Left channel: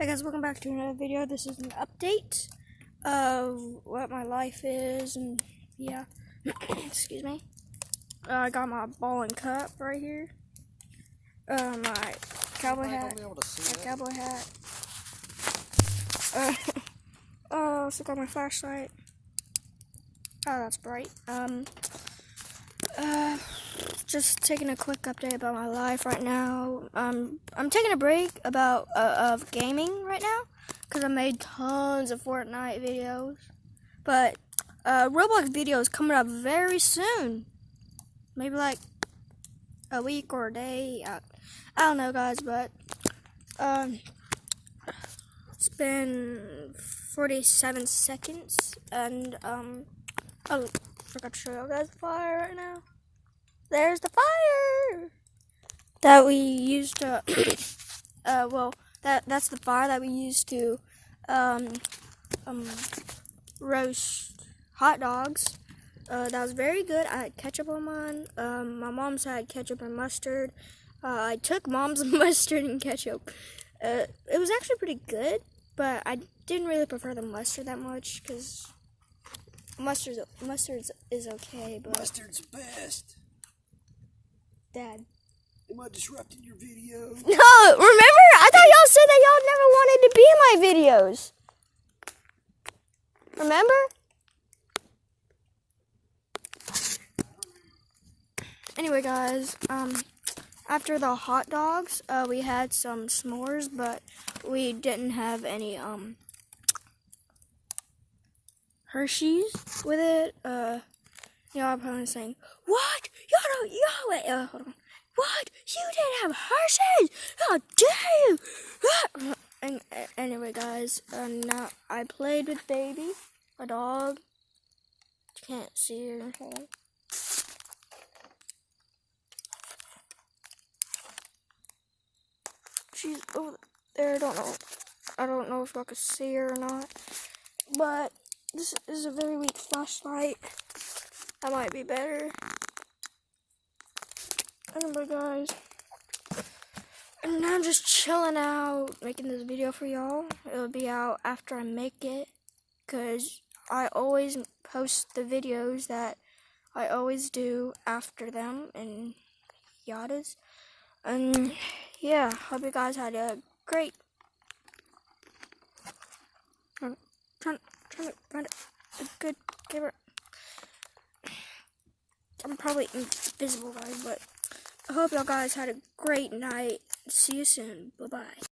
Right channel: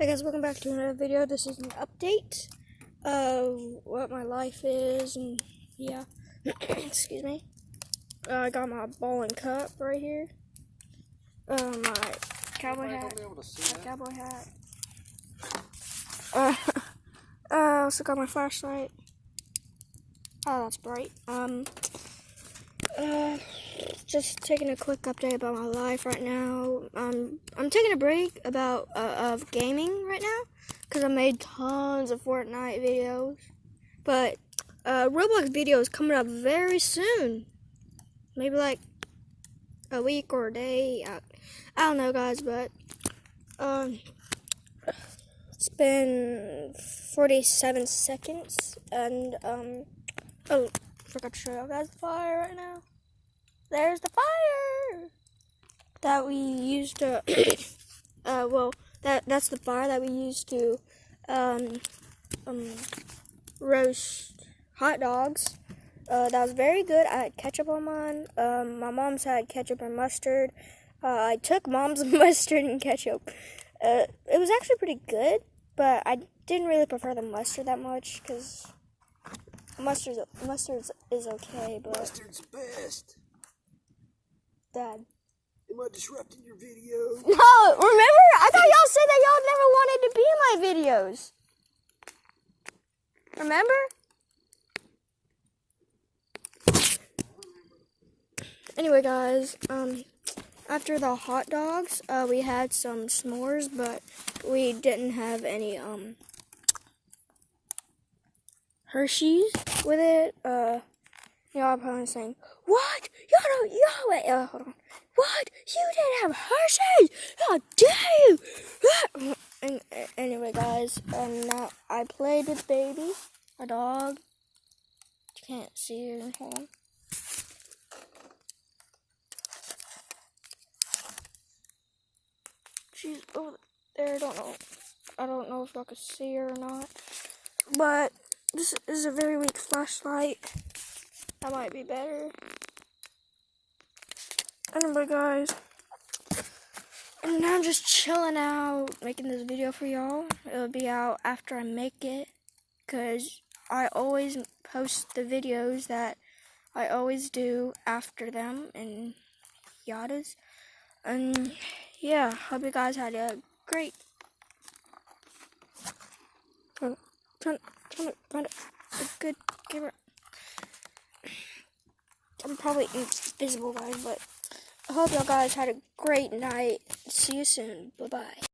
Hey guys, welcome back to another video. This is an update of what my life is, and yeah, excuse me. I got my ball and cup right here. My cowboy hat. I also got my flashlight. Oh, that's bright. Just taking a quick update about my life right now. I'm taking a break of gaming right now because I made tons of Fortnite videos, but Roblox video is coming up very soon. Maybe like a week or a day. I don't know, guys, but it's been 47 seconds, and oh, forgot to show you guys the fire right now. There's the fire that we used to, well, that's the fire that we used to, roast hot dogs. That was very good. I had ketchup on mine. My mom's had ketchup and mustard. I took mom's mustard and ketchup. It was actually pretty good, but I didn't really prefer the mustard that much, because mustard is okay, but... Mustard's the best. Dad. Am I disrupting your video? No, remember? I thought y'all said that y'all never wanted to be in my videos. Remember? Anyway, guys, after the hot dogs, we had some s'mores, but we didn't have any, Hershey's with it. Y'all are probably saying, what? Wait, hold on. What? You didn't have Hershey's? How dare you? Anyway, guys, now I played with Baby, a dog. You can't see her. Hold on. She's over there. I don't know if I can see her or not. But this is a very weak flashlight. That might be better. Anyway, guys, and I'm just chilling out, making this video for y'all. It'll be out after I make it, because I always post the videos that I always do after them, and yadas. And yeah, hope you guys had a great... Trying to find a good camera. I'm probably invisible, guys, but I hope y'all guys had a great night. See you soon. Bye-bye.